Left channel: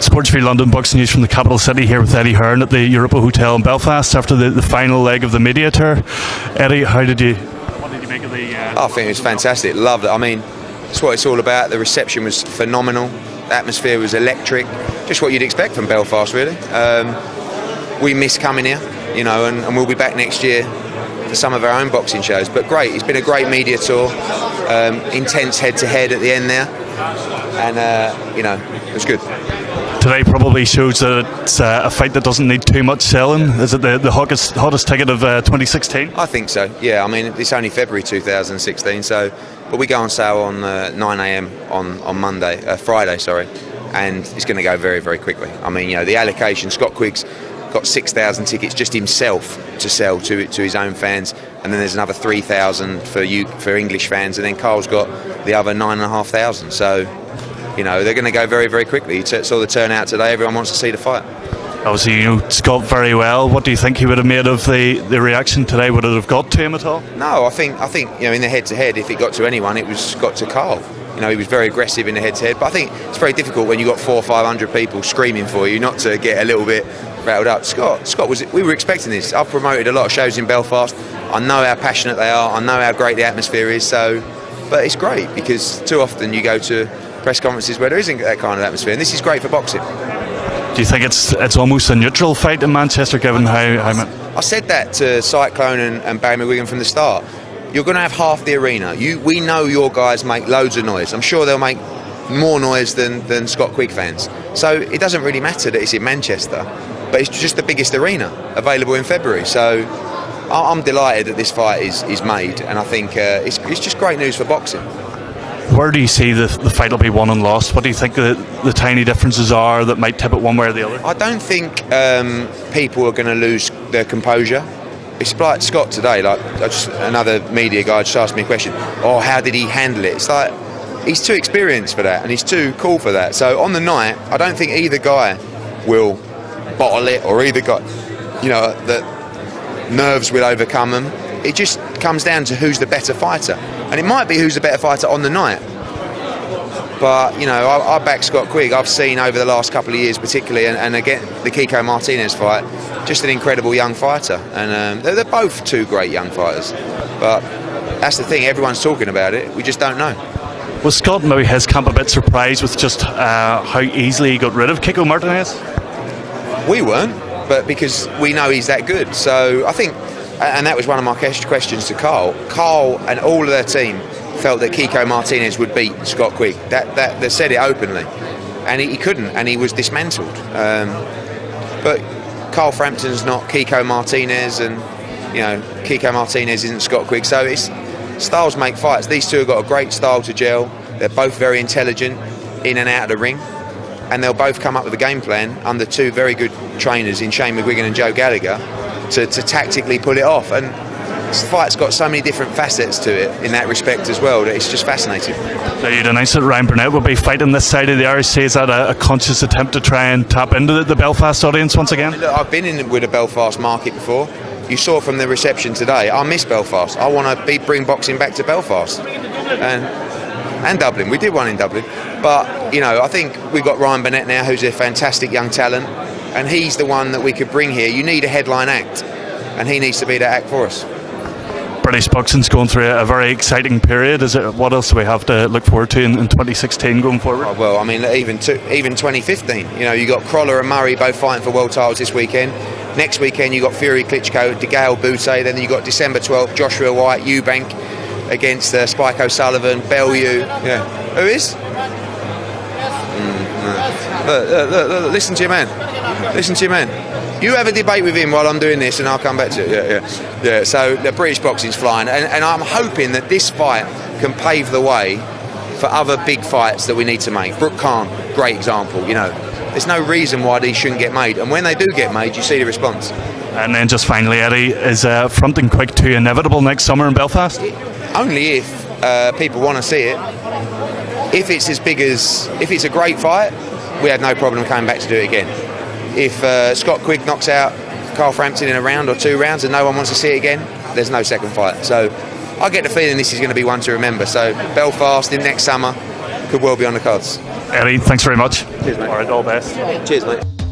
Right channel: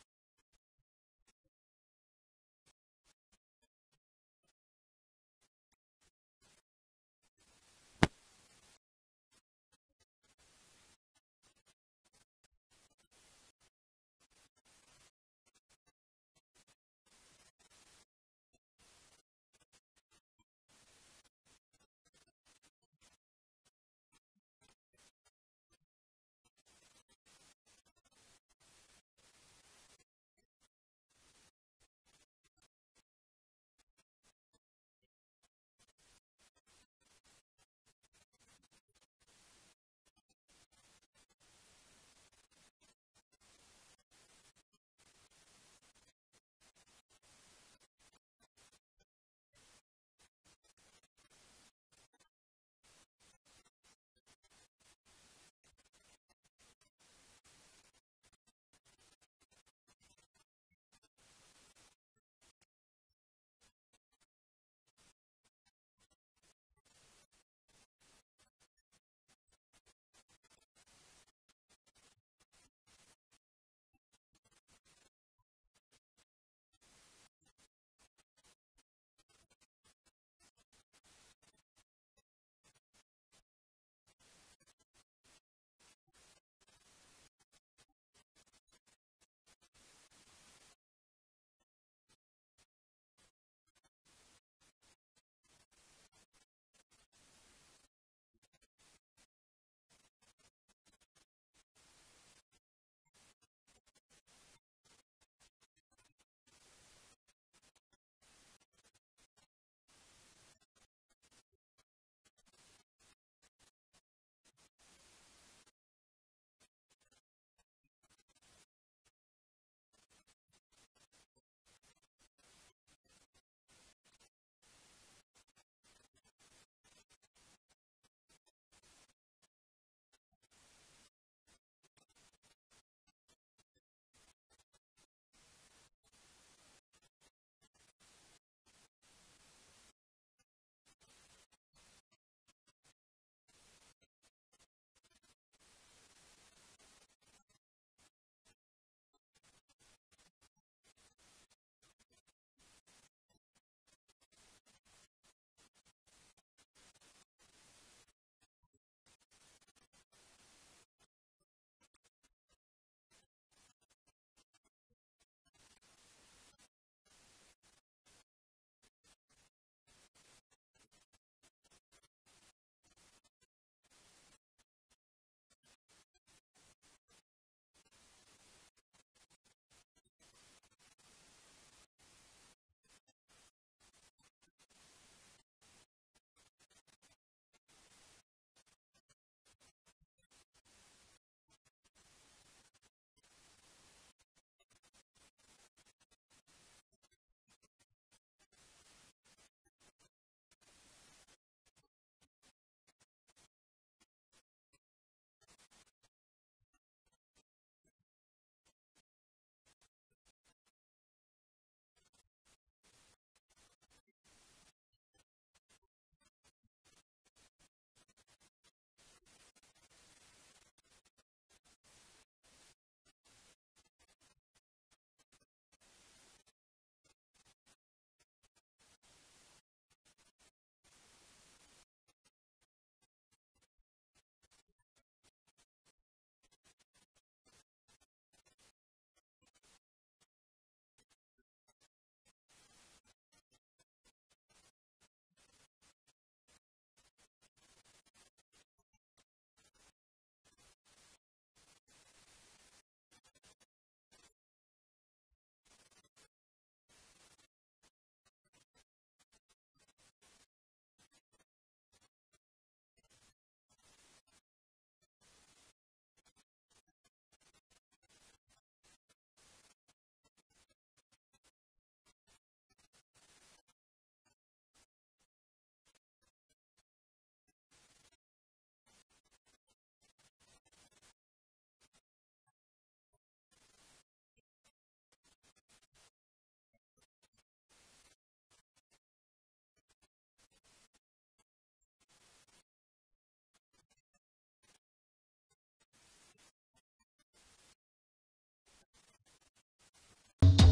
Sports for London Boxing News from the capital city here with Eddie Hearn at the Europa Hotel in Belfast after the final leg of the media tour. Eddie, what did you make of the... I think it was fantastic, loved it. I mean, that's what it's all about. The reception was phenomenal, the atmosphere was electric, just what you'd expect from Belfast really. We miss coming here, you know, and we'll be back next year for some of our own boxing shows. But great, it's been a great media tour, intense head-to-head at the end there, and you know, it was good. Today probably shows that it's a fight that doesn't need too much selling. Is it the hottest ticket of 2016? I think so, yeah. I mean, it's only February 2016, so, but we go on sale on 9 AM on Friday, sorry, and it's going to go very, very quickly. I mean, you know, the allocation, Scott Quigg's got 6,000 tickets just himself to sell to his own fans, and then there's another 3,000 for English fans, and then Carl's got the other 9,500. So, you know, they're going to go very, very quickly. You saw the turnout today. Everyone wants to see the fight. Obviously, you know Scott very well. What do you think he would have made of the reaction today? Would it have got to him at all? No, I think you know, in the head-to-head, if it got to anyone, it was got to Carl. You know, he was very aggressive in the head-to-head. But I think it's very difficult when you've got 400 or 500 people screaming for you not to get a little bit rattled up. Scott was. We were expecting this. I've promoted a lot of shows in Belfast. I know how passionate they are. I know how great the atmosphere is. So, but it's great because too often you go to press conferences where there isn't that kind of atmosphere, and this is great for boxing. Do you think it's almost a neutral fight in Manchester, given how I said that to Cyclone and Barry McGuigan from the start. You're going to have half the arena. We know your guys make loads of noise. I'm sure they'll make more noise than Scott Quigg fans. So it doesn't really matter that it's in Manchester, but it's just the biggest arena available in February. So I'm delighted that this fight is made, and I think it's just great news for boxing. Where do you see the fight will be won and lost? What do you think the tiny differences are that might tip it one way or the other? I don't think people are going to lose their composure. It's like Scott today, like another media guy just asked me a question. Oh, how did he handle it? It's like he's too experienced for that, and he's too cool for that. So on the night, I don't think either guy will bottle it, or either guy, you know, that nerves will overcome them. It just comes down to who's the better fighter. And it might be who's the better fighter on the night. But, you know, I back Scott Quigg. I've seen over the last couple of years particularly, and again, the Kiko Martinez fight, just an incredible young fighter. And they're both two great young fighters. But that's the thing, everyone's talking about it. We just don't know. Was Scott and maybe his camp a bit surprised with just how easily he got rid of Kiko Martinez? We weren't, but because we know he's that good. So I think... And that was one of my questions to Carl. Carl and all of their team felt that Kiko Martinez would beat Scott Quigg. They said it openly, and he couldn't, and he was dismantled. But Carl Frampton's not Kiko Martinez, and you know Kiko Martinez isn't Scott Quigg. So it's styles make fights. These two have got a great style to gel. They're both very intelligent in and out of the ring, and they'll both come up with a game plan under two very good trainers in Shane McGuigan and Joe Gallagher. To tactically pull it off, and this fight's got so many different facets to it in that respect as well that it's just fascinating. So you'd announce that Ryan Burnett will be fighting this side of the RSC. Is that a conscious attempt to try and tap into the Belfast audience once again? Look, I've been in with a Belfast market before. You saw from the reception today, I miss Belfast. I want to bring boxing back to Belfast and Dublin. We did one in Dublin, but you know, I think we've got Ryan Burnett now, who's a fantastic young talent. And he's the one that we could bring here. You need a headline act, and he needs to be that act for us. British boxing's going through a very exciting period. What else do we have to look forward to in 2016 going forward? Oh, well, I mean, even 2015. You know, you got Crawler and Murray both fighting for world titles this weekend. Next weekend you got Fury, Klitschko, DeGale, Bute. Then you got December 12th, Joshua White, Eubank against Spike O'Sullivan, Bellew. Yeah, who is? Look, listen to your man. Listen to your man. You have a debate with him while I'm doing this, and I'll come back to it. Yeah. So the British boxing's flying, and I'm hoping that this fight can pave the way for other big fights that we need to make. Brooke Khan, great example. You know, there's no reason why these shouldn't get made, and when they do get made, you see the response. And then just finally, Eddie, is Frampton-Quigg 2 inevitable next summer in Belfast? Only if people want to see it. If it's if it's a great fight, we had no problem coming back to do it again. If Scott Quigg knocks out Carl Frampton in a round or 2 rounds and no one wants to see it again, there's no second fight. So I get the feeling this is going to be one to remember. So Belfast in next summer could well be on the cards. Eddie, thanks very much. Cheers, mate. All right, all the best. Cheers, mate.